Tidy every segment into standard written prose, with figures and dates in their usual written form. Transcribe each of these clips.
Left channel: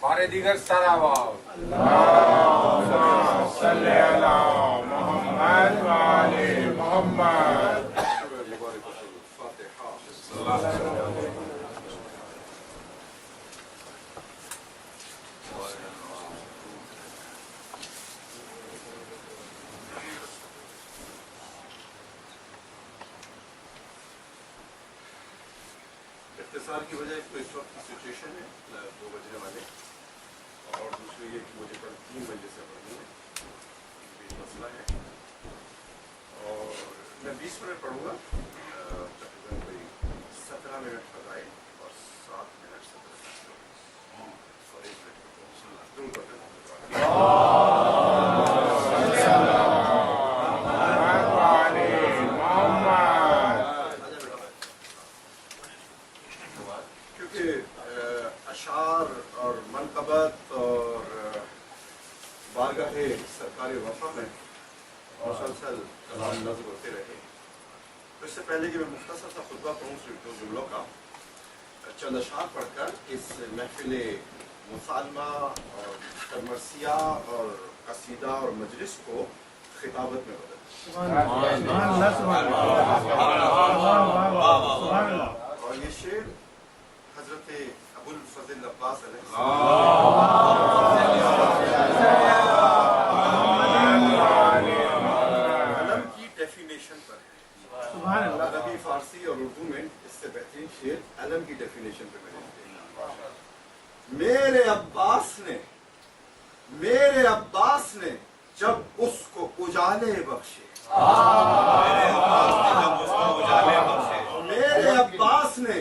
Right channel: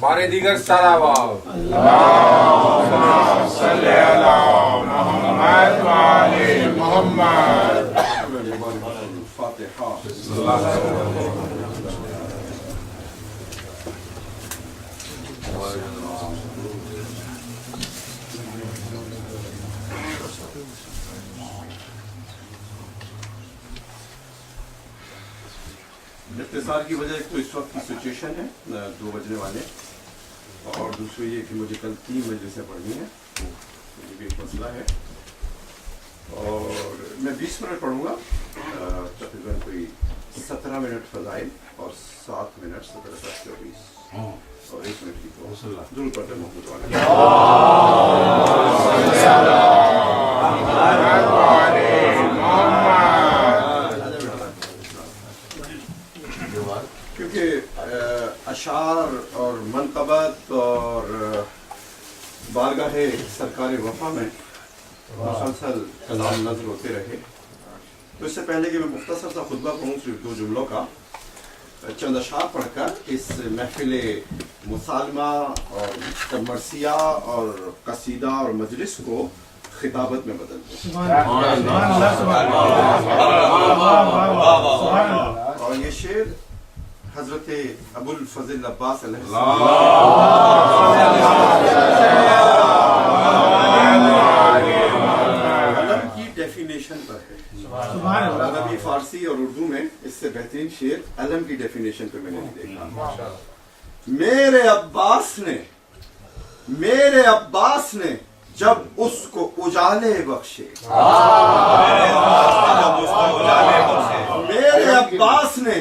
بارے دیگر سارا واو اختصار کی وجہ ایک تو اس وقت کی سچویشن ہے 2 بجنے والے، اور دوسری یہ کہ مجھے کل 3 بجے سے پڑھنی ہے، یہ بھی ایک مسئلہ ہے، اور میں 20 منٹ پڑھوں گا، تقریباً کوئی 17 منٹ فضائل اور 7 منٹ 17 اور 1 منٹ کی تو ضرور پڑھتے محمد والے اشعار اور منقبت اور بارگاہ سرکار وفا میں مسلسل کلام نظر ہوتے رہے، تو اس سے پہلے کہ میں مختصر سا خطبہ پڑھوں صرف 2 جملوں کا، چند اشعار پڑھ کر اس محفل مسالمہ اور مرثیہ اور قصیدہ اور مجلس کو خطابت میں بدل دوں۔ اور یہ شعر حضرت ابو الفضل عباس علیہ السلام علم کی ڈیفینیشن پر ہے، عربی فارسی اور اردو میں اس سے بہترین شعر علم کی ڈیفینیشن پہ میں نے دیکھا۔ میرے عباس نے جب اس کو اجالے بخشے، میرے عباس نے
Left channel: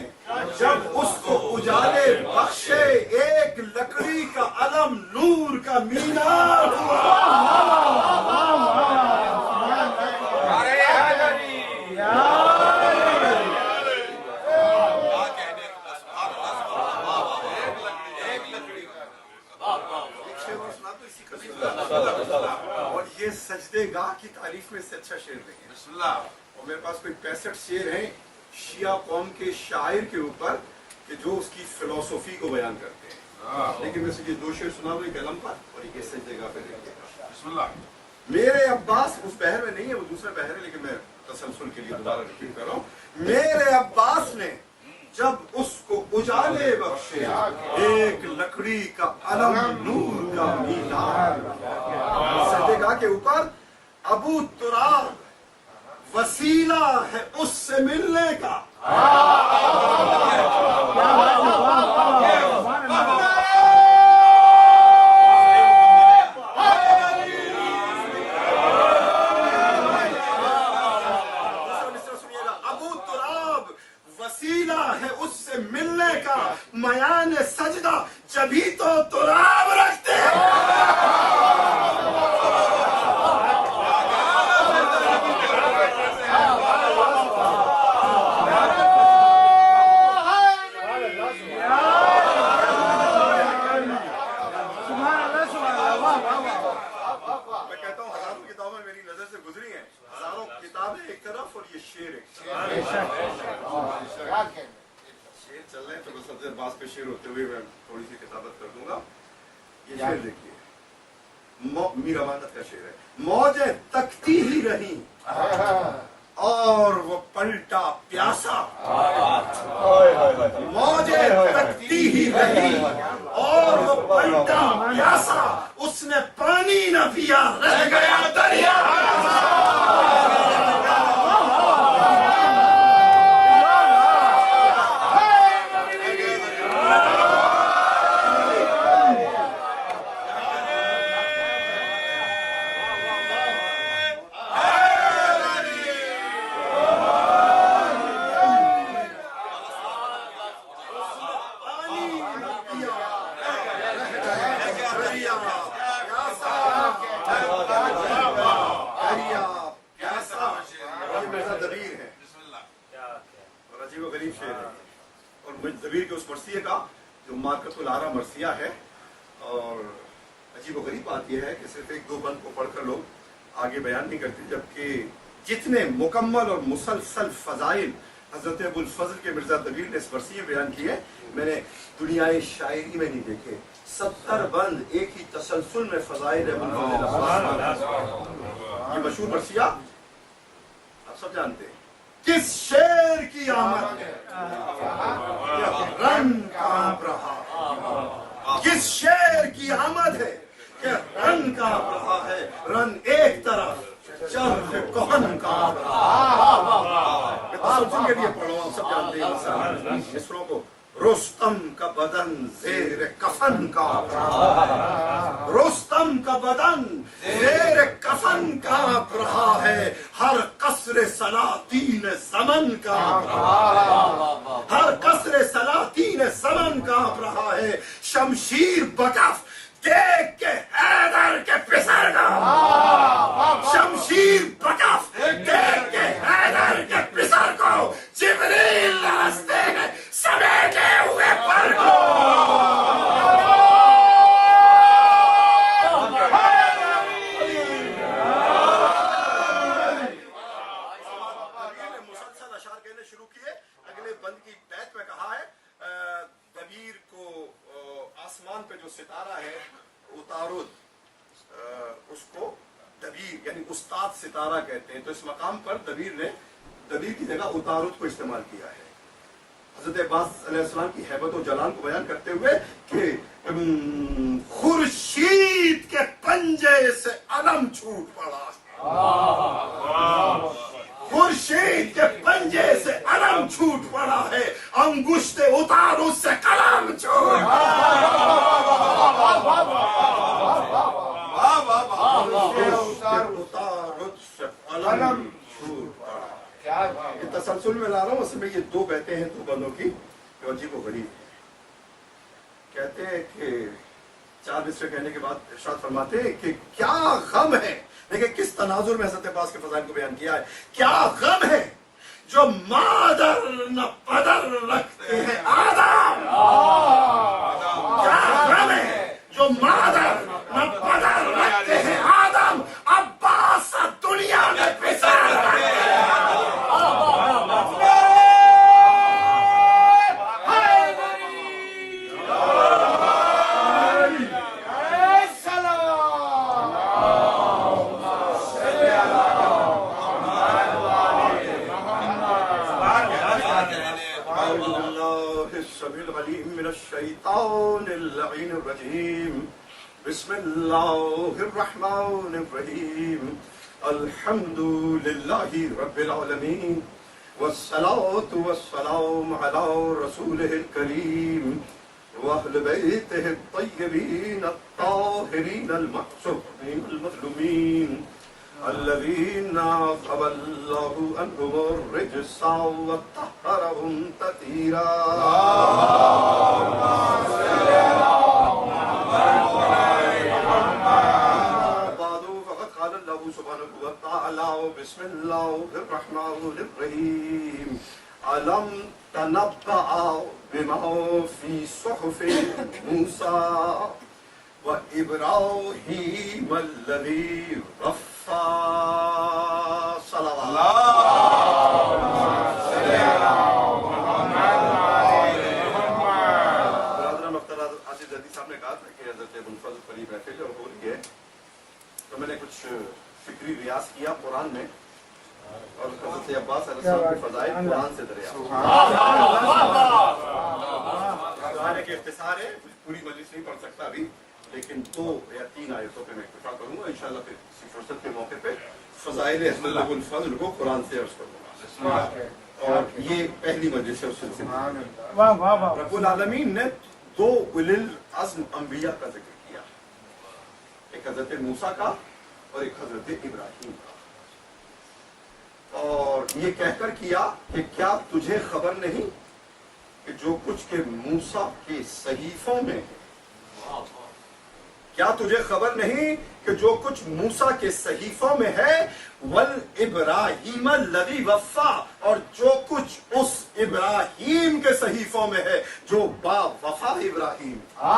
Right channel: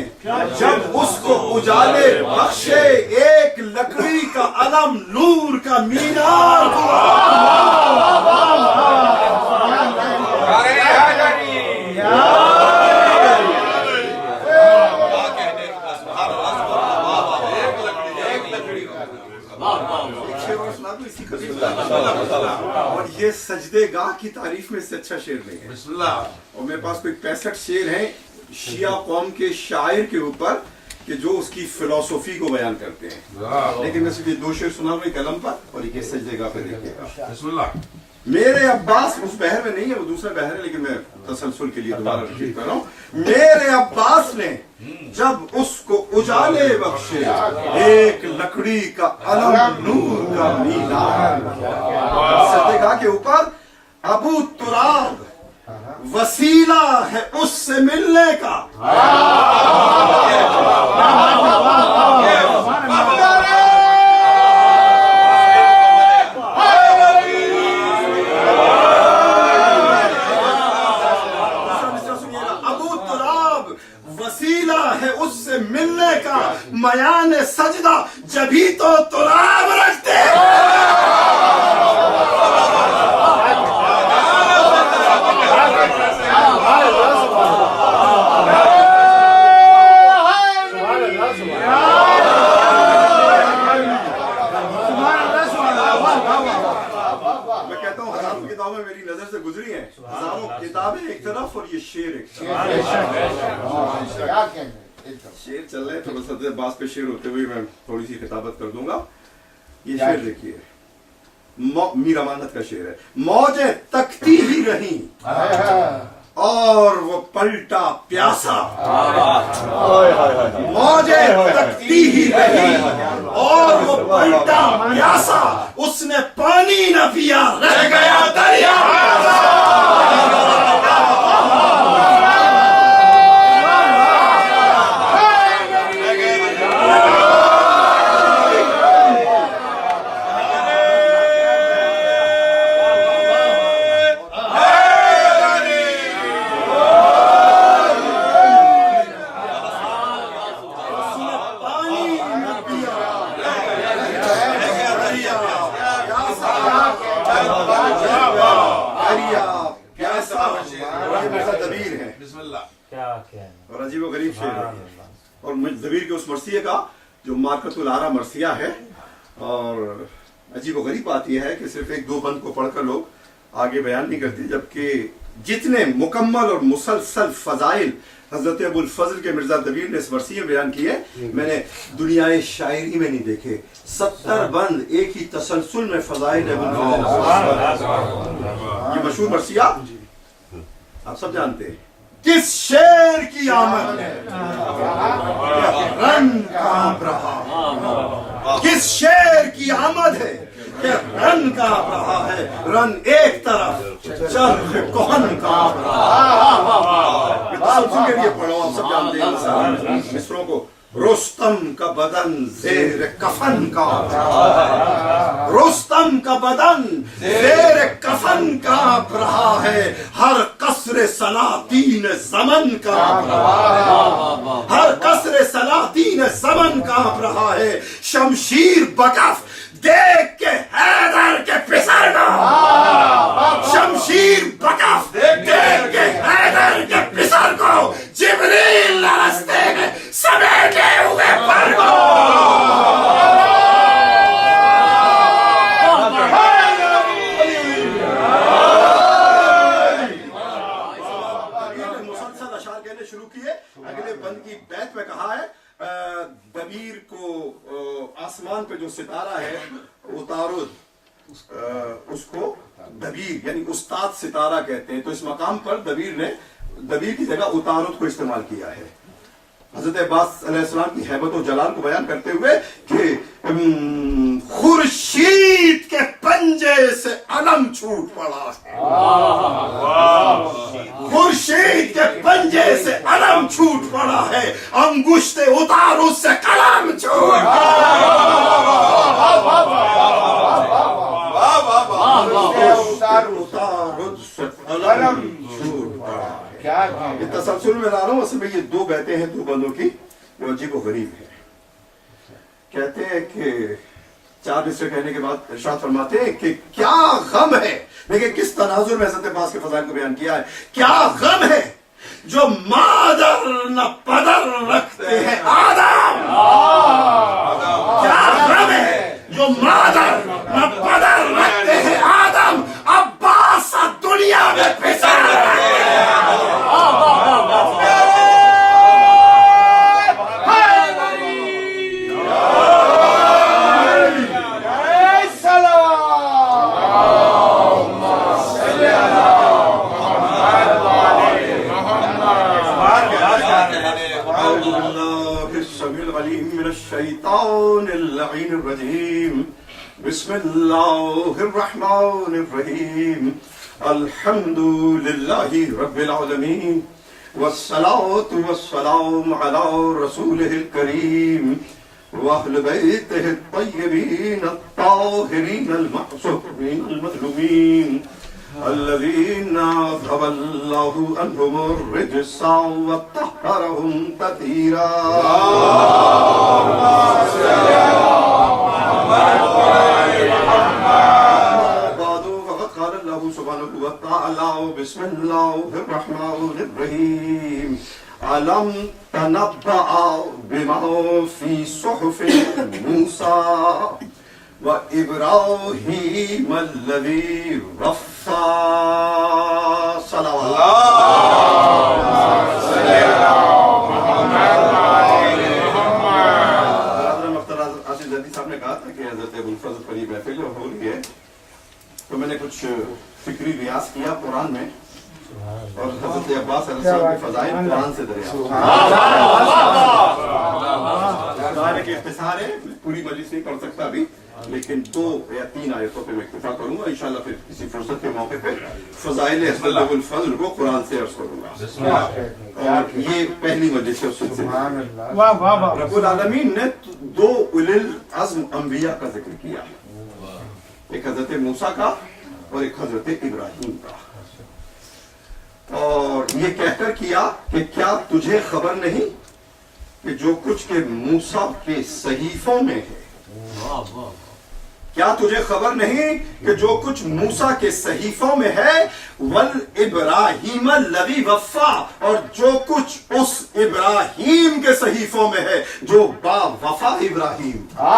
جب اس کو اجالے بخشے، ایک لکڑی کا علم نور کا مینار اور یہ سجدے گاہ کی تعریف میں اس سے اچھا شعر نہیں ہے۔ اور میرے پاس کوئی 65 شعر ہیں شیعہ قوم کے شاعر کے اوپر کہ جو اس کی فلسفی کو بیان کرتے ہیں، لیکن میں صرف یہ 2 شعر سنا رہا ہوں ایک قلم پر اور یہ سجدے گاہ پہ دیکھیے گا۔ میرے عباس اس بحر میں نہیں ہے، وہ دوسرا بحر ہے، لیکن میں تسلسل کے لیے دوبارہ ریپیٹ کر رہا ہوں۔ میرے عباس نے جب اس کو اجالے بخشے، ایک لکڑی کا علم نور کا مینار، سجدے گاہ کے اوپر ابو تراب وسیلہ ہے اس سے ملنے کا، ملنے کا میان سجدہ جبھی تو تراب رکھتے میں کہتا ہوں ہزاروں کتابیں میری نظر سے گزری ہیں، ہزاروں کتابیں ایک طرف اور یہ شعر ایک طرف، شعر چل رہے ہیں تو بس حضرت عباس پہ شعر ہوتے ہوئے میں تھوڑی سی خطابت کر دوں گا۔ یہ شعر دیکھیے، میر امانت کا شعر ہے۔ موجیں تکتی ہی رہیں اور وہ پلٹا پیاسا، موجیں تکتی ہی رہیں اور وہ پلٹا پیاسا، اس نے پانی نہ پیا رہ گیا دریا۔ اور عجیب و غریب شعر ہے، اور ضمیر کے اس مرثیے کا جو مارکت العرا مرثیہ ہے، اور عجیب و غریب بات یہ ہے کہ صرف 1-2 بند کو پڑھ کر لوگ آگے بیان نہیں کرتے، جبکہ جتنے مکمل اور مسلسل فضائل حضرت ابو الفضل کے مرزا دبیر نے اس مرثیے میں بیان کی ہے، میں نے دنیائے شاعری میں نہیں دیکھے 70 بند ایک ہی تسلسل میں فضائل ابو الفضل، یہ مشہور مرثیہ آپ سب جانتے ہیں۔ کس شیر کی آمد ہے رن کانپ رہا، کس شیر کی آمد ہے کہ رن کانپ رہا ہے، رن ایک طرف چل کون کانپ رہا۔ یہ تسلسل کے لیے پڑھو، آپ سب جانتے ہیں مصروں کو۔ رستم کا بدن زیر کفن کانپ رہا ہے، رستم کا بدن زیر کفن کانپ رہا ہے، ہر قصر سلاطین زمن کانپ رہا ہے، ہر قصر سلاطین زمن کانپ رہا ہے۔ شمشیر بکف دیکھ کے حیدر کے پسر کو، شمشیر بکف دیکھ کے حیدر کے پسر کو، جبریل رستے میں سمیٹے ہوئے پر کو۔ مسلسل اشعار کہنے شروع کیے، اگلے بند کی بیت میں کہا ہے دبیر کو آسمان پہ جو ستارہ ہے اتارو، اس کو دبیر یعنی استاد ستارہ کہتے ہیں، تو اس مقام پر دبیر نے دبیر کی جگہ اتارد کو استعمال کیا ہے۔ حضرت عباس علیہ السلام کی ہیبت و جلال کو بیان کرتے ہوئے کہ خورشید کے پنجے سے علم چھوٹ پڑا ہے، خورشید کے پنجے سے علم چھوٹ پڑا ہے، انگشت اتارد سے قلم چھوٹ یہ تسلسل میں لا رہا ہوں، اصل میں یہ دو بیتیں ہیں دو بندوں کی جو عجیب و غریب ہے۔ کہتے ہیں کہ 4 مصرے کہنے کے بعد ارشاد فرماتے ہیں کہ کیا غم ہے، دیکھیں کس تناظر میں حضرت عباس کے فضائل کو بیان کیا ہے، کیا غم ہے جو مادر نہ پدر رکھتے ہیں آدم، کیا غم ہے جو مادر نہ پدر رکھتے ہیں آدم، عباس دنیا میں پسر رہے ہیں۔ بسم اللہ الرحمن الرحیم، الحمد للہ رب العالمین، والصلاة والسلام علی رسولہ الکریم واہل بیتہ الطیبین الطاہرین المعصومین المظلومین الذین اذھب اللہ عنہم الرجس وطہرہم تطہیرا۔ سبحانہ وتعالی بسم اللہ الرحمن الرحیم، علم تنبأ بما فی صحف موسیٰ و ابراہیم الذی رفع صلوات صاحب نے کہا تھا کہ حضرت ابو الفضل پر یہ محفل ہو رہی ہے، تو میں نے کچھ فکری ریاض کیا قرآن میں، اور حضرت عباس علیہ السلام کے فضائل قرآن سے دریافت۔ کے اختصار ہے، پوری مجلس نہیں پڑھ سکتا ابھی، لیکن 2 یا 3 آیتوں پہ میں اکتفا کروں گا، انشاءاللہ پھر کسی فرصت کے موقع پہ فضائل حضرت ابو الفضل کو قرآن سے عرض کروں گا، اور یہ پہلی مجلس ہے اس سلسلے میں۔ رب العالمین نے 2 اولی العزم انبیاء کا ذکر کیا، ایک حضرت موسیٰ کا اور ایک حضرت ابراہیم کا، اور یہ کہہ کر کیا کہ کیا تجھے خبر نہیں کہ جو کچھ کے موسیٰ کے صحیفوں میں ہے، کیا تجھے خبر نہیں کہ جو کچھ موسیٰ کے صحیفوں میں ہے، والابراہیم الذی وفا، اور جو کچھ اس ابراہیم کے صحیفوں میں ہے جو با وفا ابراہیم تھا،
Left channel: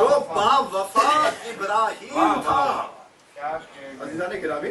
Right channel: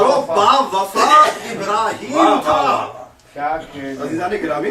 جو با وفا ابراہیم تھا۔ عزیزان گرامی،